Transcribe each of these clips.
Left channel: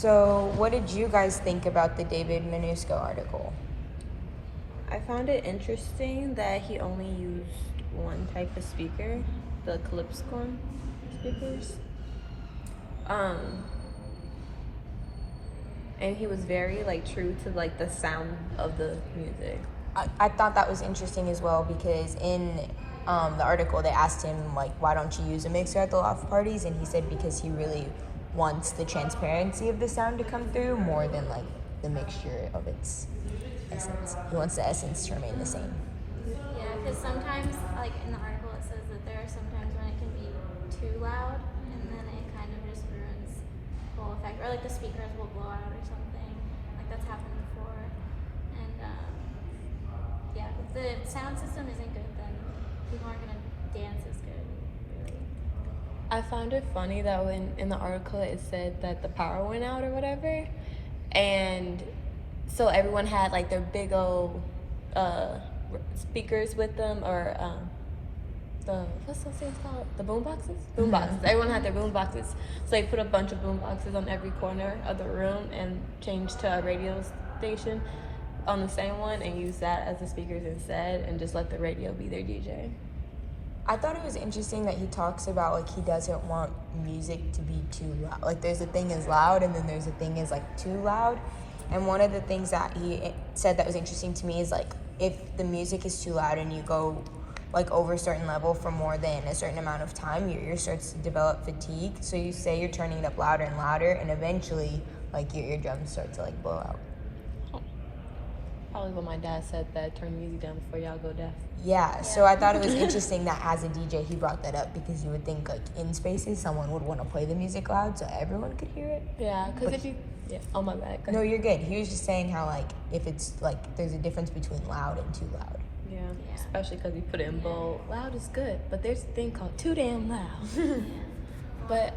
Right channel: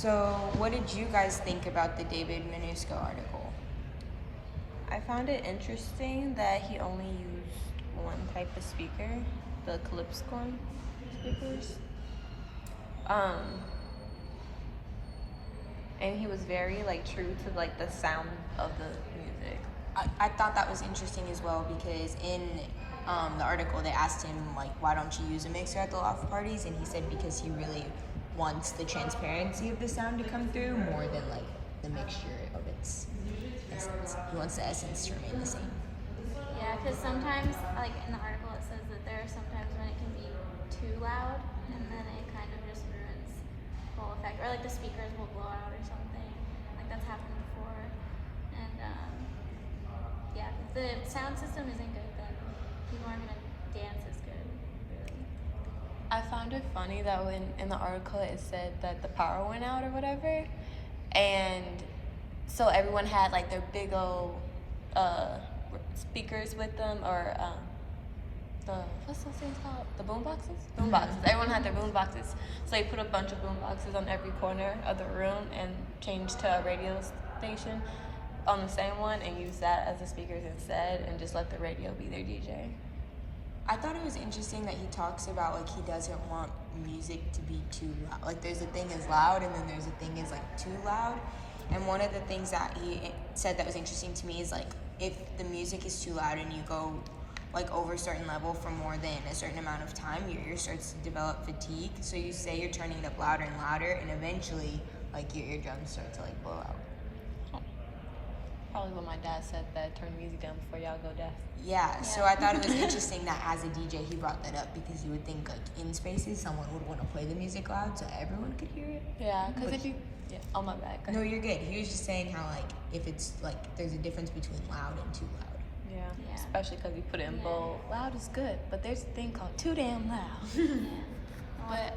So, what did you guys think about the David Minusco article? I found it interesting that he only used one type of speaker, the Calypso speakers. And he was very true to the sound of the music. I thought that was interesting as well because in the article they asked him why don't you use a mixer at the loft parties, and he said because he really wants the transparency of the sound to come through more than the mixture of its essence. He wants the essence to remain the same. Yeah, because sometimes, in the article, it says that there are sometimes when it can be too loud, and then it kind of just ruins the whole effect. Or the speakers will blow out or something. That's happened before. And yeah, if the sound system isn't good, then people aren't gonna dance as good. Really. I found it funny that when in the article it said that the power went out or whatever, and so everyone had their big old speakers with them, or the what's those things called? The boom boxes? Boom boxes. Everyone had their boom boxes. So they put a bunch of boom boxes on every corner of the room and changed to a radio station on the same one and used that as the speakers instead, and just let the radio be their DJ. I thought it was interesting that he talks about he doesn't want music to be too loud. There's a thing as loud, and then there's a thing as too loud. And one of the things that he said that was interesting to me is if the music is too loud and you go over a certain level for more than a certain amount of time, your ear starts to develop fatigue. So you say you're turning it up louder and louder, and eventually your eardrums start to blow out. Probably what my dad said, that turn the music down before y'all go deaf. Yeah, so I thought it was interesting that as a DJ he brought that up, because you would think in spaces someone would want to play the music loud so everyone could hear it. Yeah, because if you... Yeah, oh my bad. No, you're good. He was just saying how if it's there's a difference between loud and too loud. Yeah, especially because you put it in bold. Loud is good, but there's a thing called too damn loud. But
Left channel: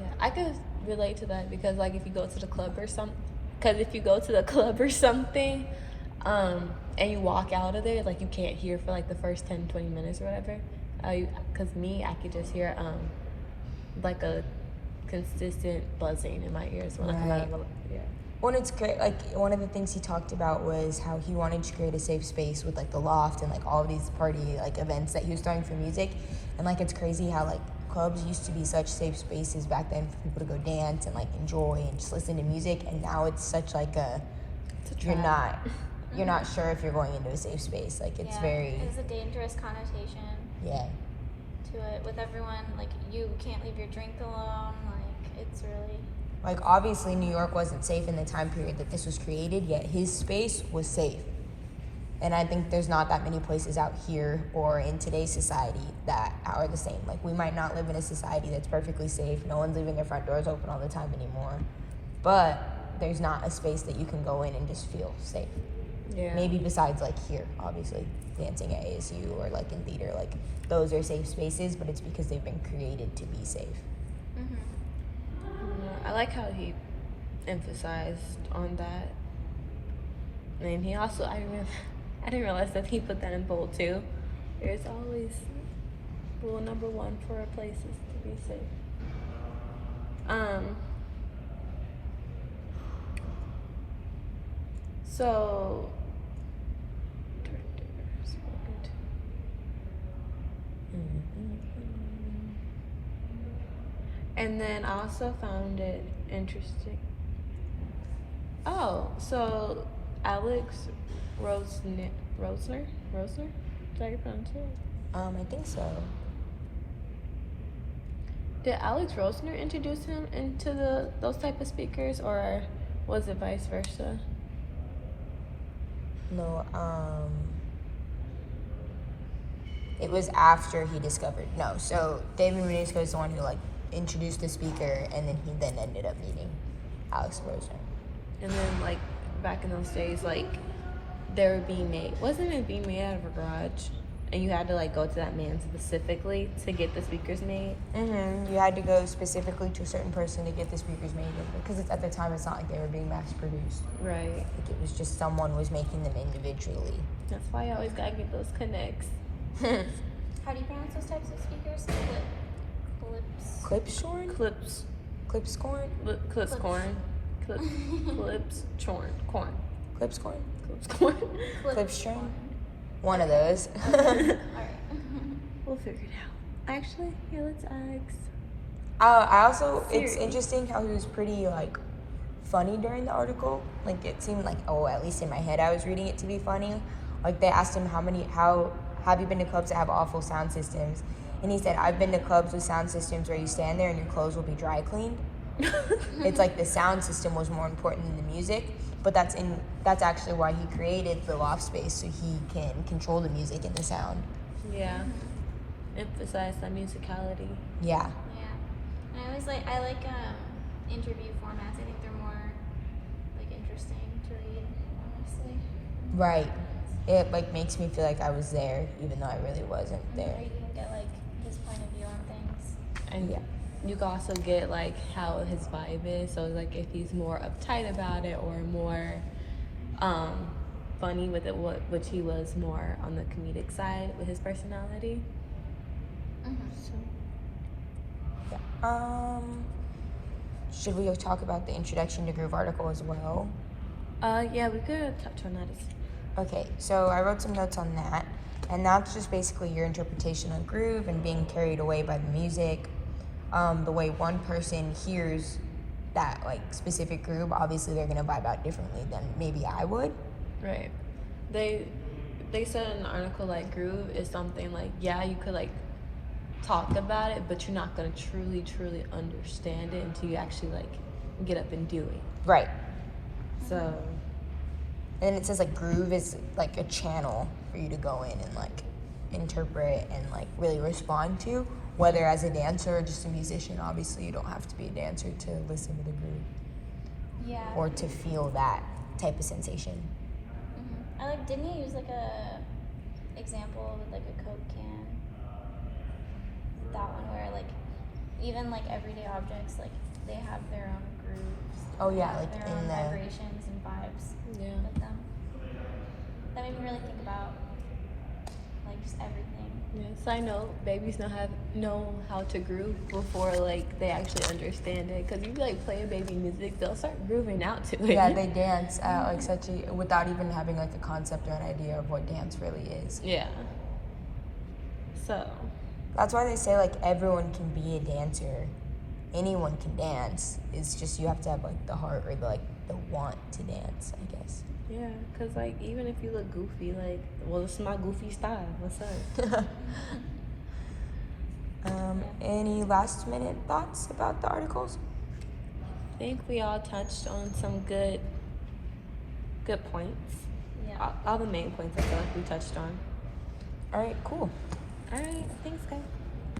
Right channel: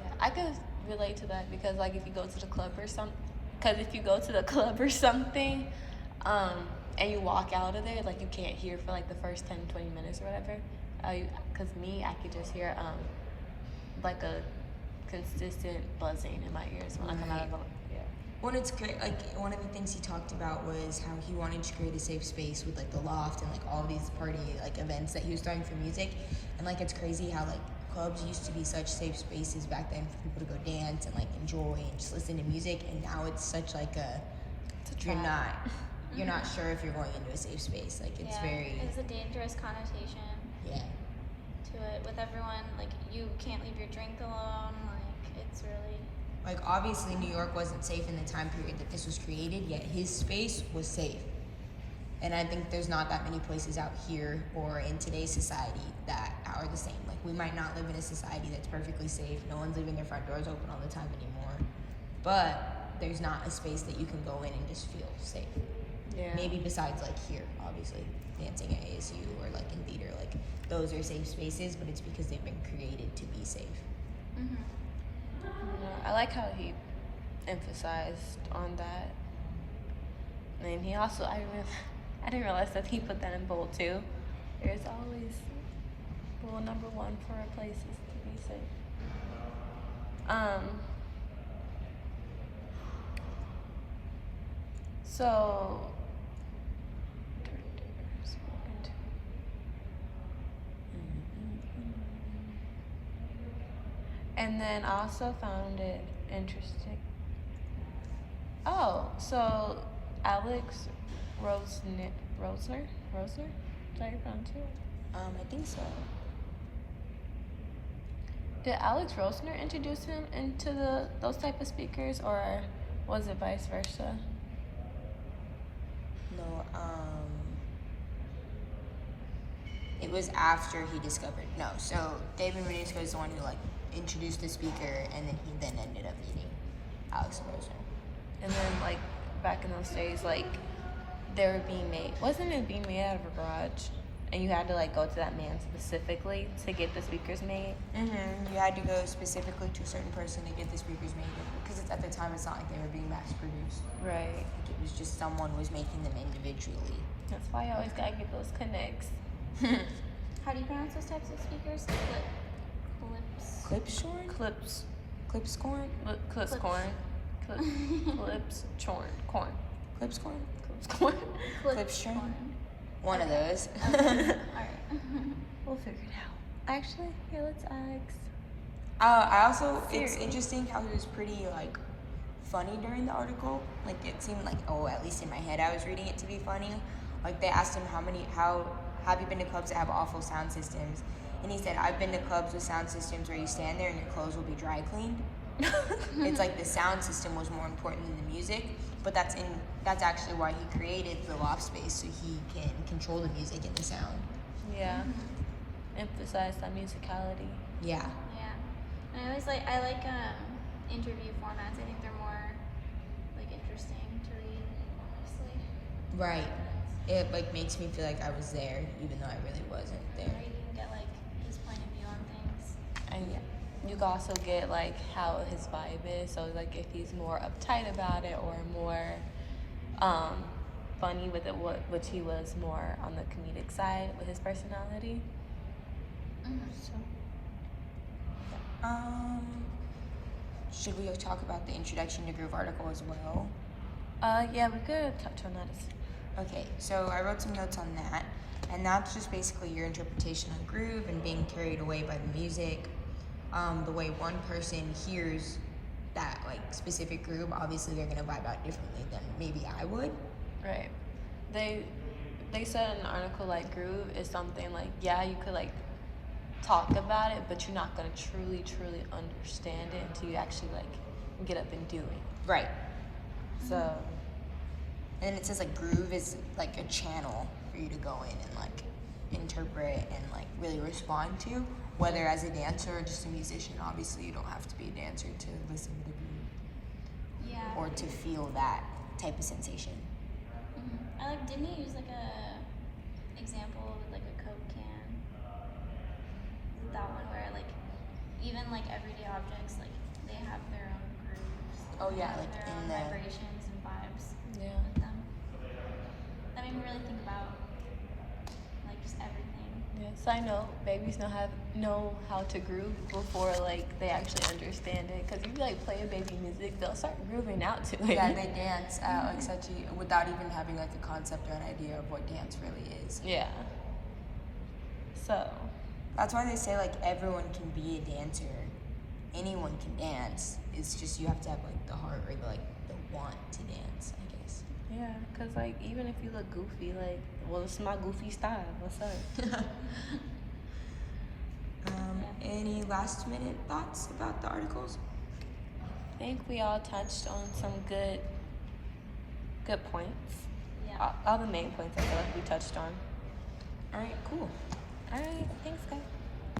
yeah, I could relate to that because if you go to the club or something, and you walk out of there, you can't hear for the first 10-20 minutes or whatever. Because I could just hear a consistent buzzing in my ears when I come out of the Well, it's great. One of the things he talked about was how he wanted to create a safe space with the loft and all these party events that he was throwing for music. And it's crazy how clubs used to be such safe spaces back then for people to go dance and enjoy and just listen to music. And now it's such you're not sure if you're going into a safe space. It's very... There's a dangerous connotation. Yeah. To it with everyone. You can't leave your drink alone. It's really... obviously New York wasn't safe in the time period that this was created, yet his space was safe. And I think there's not that many places out here or in today's society that are the same. We might not live in a society that's perfectly safe. No one's leaving their front doors open all the time anymore. But there's not a space that you can go in and just feel safe. Yeah. Maybe besides here, obviously, dancing at ASU or in theater, those are safe spaces, but it's because they've been created to be safe. Mm-hmm. I like how he emphasized on that. And he also, I didn't realize that he put that in bold too. There's always rule number 1 for places to be safe. So and then I also found it interesting. Oh, so Alex Rosner? Is that how you pronounce it? I think so. Did Alex Rosner introduce him into those type of speakers, or was it vice versa? No, it was after he discovered. No, so David Minusco is the one who introduced the speaker, and then he ended up meeting Alex Rosner. And then back in those days, they were being made. Wasn't it being made out of a garage? And you had to go to that man specifically to get the speakers made? Mm-hmm. You had to go specifically to a certain person to get the speakers made, because at the time it's not like they were being mass produced. Right. It was just someone was making them individually. That's why you always gotta get those connects. How do you pronounce those types of speakers? Clips. Clips, Shorn? Clips. Clips corn? Clips corn. Clips corn. Clips corn? Clips corn. Clips corn? One of those. Alright. We'll figure it out. Actually, here, let's ask. I also, it's Siri. interesting how he was pretty, like, funny during the article. Like, it seemed like, oh, at least in my head, I was reading it to be funny. Like, they asked him how have you been to clubs that have awful sound systems? And he said, I've been to clubs with sound systems where you stand there and your clothes will be dry cleaned. It's like the sound system was more important than the music, but that's actually why he created the loft space, so he can control the music and the sound. Yeah. Emphasize that musicality. Yeah. Yeah. And I like interview formats. I think they're more like interesting to read, honestly. Right. It like makes me feel like I was there, even though I really wasn't Or there. you can get like his point of view on things. And Yeah. you can also get like how his vibe is. So like if he's more uptight about it or more funny with it, which he was more on the comedic side with his personality. So Should we talk about the introduction to groove article as well? yeah, we could touch on that. Okay, so I wrote some notes on that, and that's just basically your interpretation of groove and being carried away by the music. The way one person hears that like specific groove, obviously they're gonna vibe out differently than maybe I would. Right. They said in an article like groove is something like, yeah, you could like talk about it, but you're not gonna truly understand it until you actually like get up and do it. Right. So And it says like groove is like a channel for you to go in and like interpret and like really respond to, whether as a dancer or just a musician. Obviously you don't have to be a dancer to listen to the groove Yeah. or to feel that type of sensation. Didn't he use like a example with like a Coke can? That one where like even like everyday objects, like they have their own grooves. Oh yeah, They have like their in own the vibrations and vibes yeah. with them. That made me really think about like just everything. Yes, I know babies know how to groove before like they actually understand it. Cause you like play a baby music, they'll start grooving out to it. yeah, they dance like such a without even having like a concept or an idea of what dance really is. Yeah. So That's why they say like everyone can be a dancer. Anyone can dance. It's just you have to have like the heart or the want to dance, I guess. yeah, cause like even if you look goofy, like well, it's my goofy style. What's up? Any last minute thoughts about the articles? I think we all touched on some good points. Yeah. All the main points I feel like we touched on. All right, cool. All right, thanks, guys.